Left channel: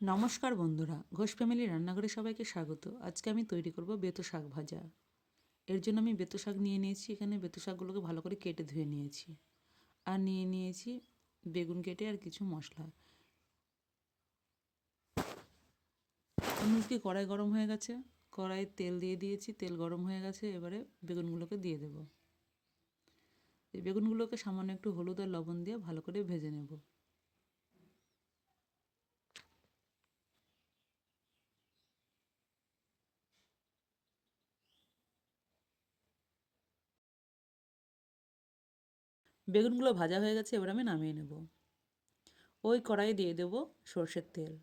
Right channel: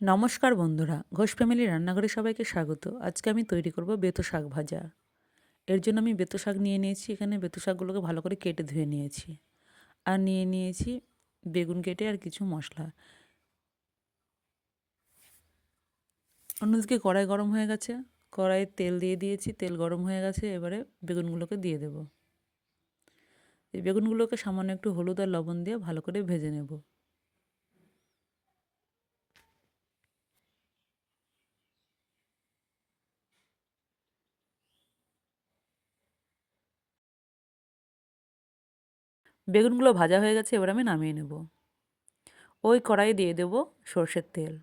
নমস্কার বন্ধুরা, ঘোষ ফ্যামিলি রান্নাঘরে সবাইকে স্বাগত। আজকে আমি তৈরি করব বেতো শাক ভাজা। এর জন্য আমি বেতো শাক নিয়ে নিয়েছি, এখানে বেতো শাকগুলোকে ভালো করে কেটে ধুয়ে নিয়েছি। আর নিয়ে নিয়েছি বেগুন কেটে আর কিছু মশলা। অন্যদিকে কড়াই গরম হয়ে গেছে, কড়াইয়ে তেল দিয়ে দিয়েছি, তেল গরম হয়ে গেছে, এবারে বেগুনগুলোকে দিয়ে দেব। এই বেগুনগুলোকে সামান্য একটু হলুদ আর লবণ দিয়ে ভালো করে ভেজে নেব। বেগুনগুলো ভাজা হয়ে গেছে, এবার আমি নামিয়ে নেব। ওই কড়াই দিয়ে দেব সর্ষের তেল।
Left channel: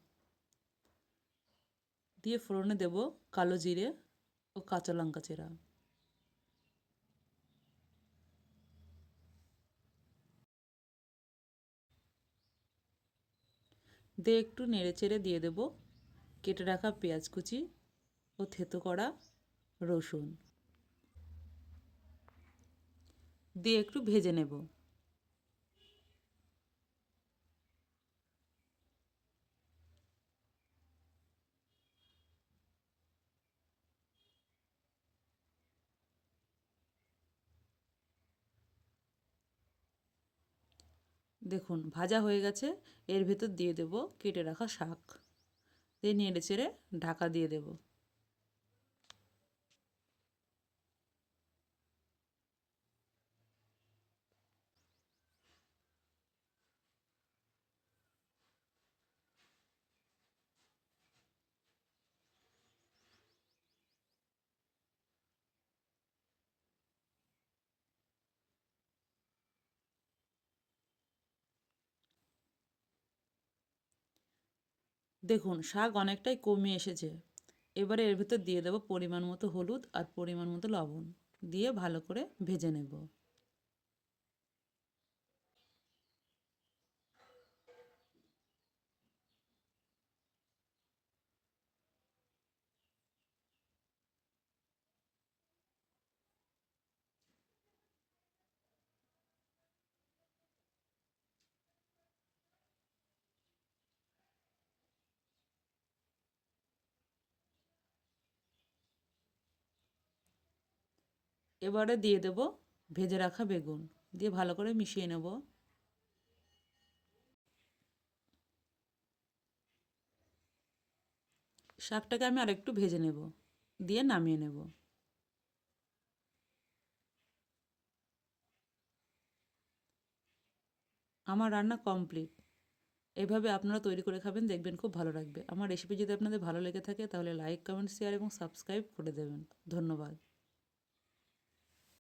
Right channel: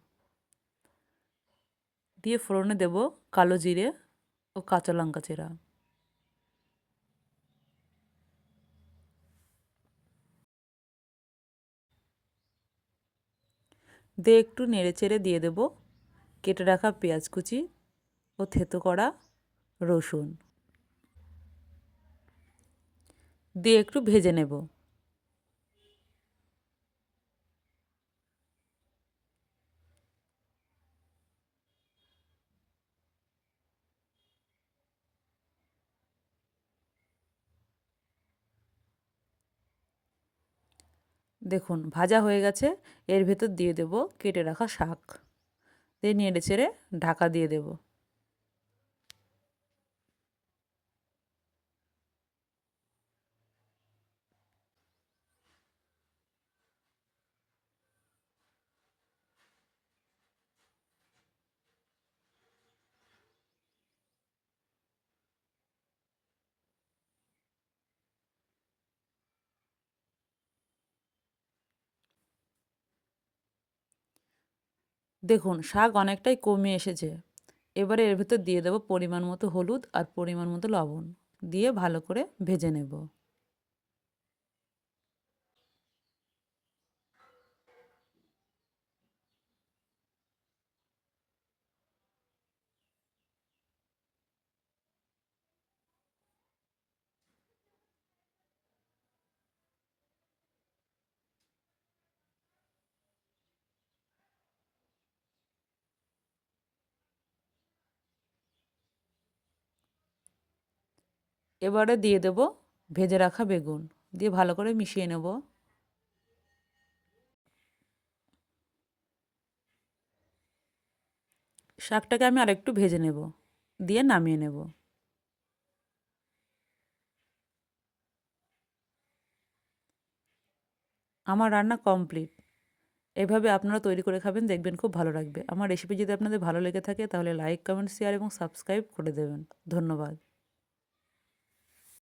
দিয়ে ফোড়নে দেব কালো জিরে ও কাঁচা লঙ্কা চেরা। দিয়ে একটু নেড়ে চেড়ে দিয়ে দেব কেটে রাখা পেঁয়াজ কুচি ও থেতো করা রসুন। দিয়ে একটু ভেজে নেব। দেখুন, ভাজা হয়ে গেছে। এর ভেতর দিয়ে দেব কেটে রাখা শাক। দিয়ে নেড়ে চেড়ে ঢাকা দিয়ে দেবো। দেখুন, শাক অনেকটাই কমে এসেছে। এবারে এর ভেতর দিয়ে দেবো পরিমাণ মতো হলুদ আর পরিমাণ মতো লবণ। দিয়ে ভালো করে ভেজে নেব। এবারে দিয়ে দেব ভেজে রাখা বেগুন। দিয়ে ভালো করে মিশিয়ে নেব। শাকটাকে আমি আরেকটু ভেজে নেব। দিয়ে নামিয়ে নেব। আমার রান্না কমপ্লিট। এভাবে আপনারা তৈরি করে খাবেন, দেখবেন খুব ভালো লাগবে। আমার রেসিপি যদি আপনাদের ভালো লেগে থাকে, তাহলে লাইক, কমেন্ট, শেয়ার এবং সাবস্ক্রাইব করে দেবেন। ধন্যবাদ।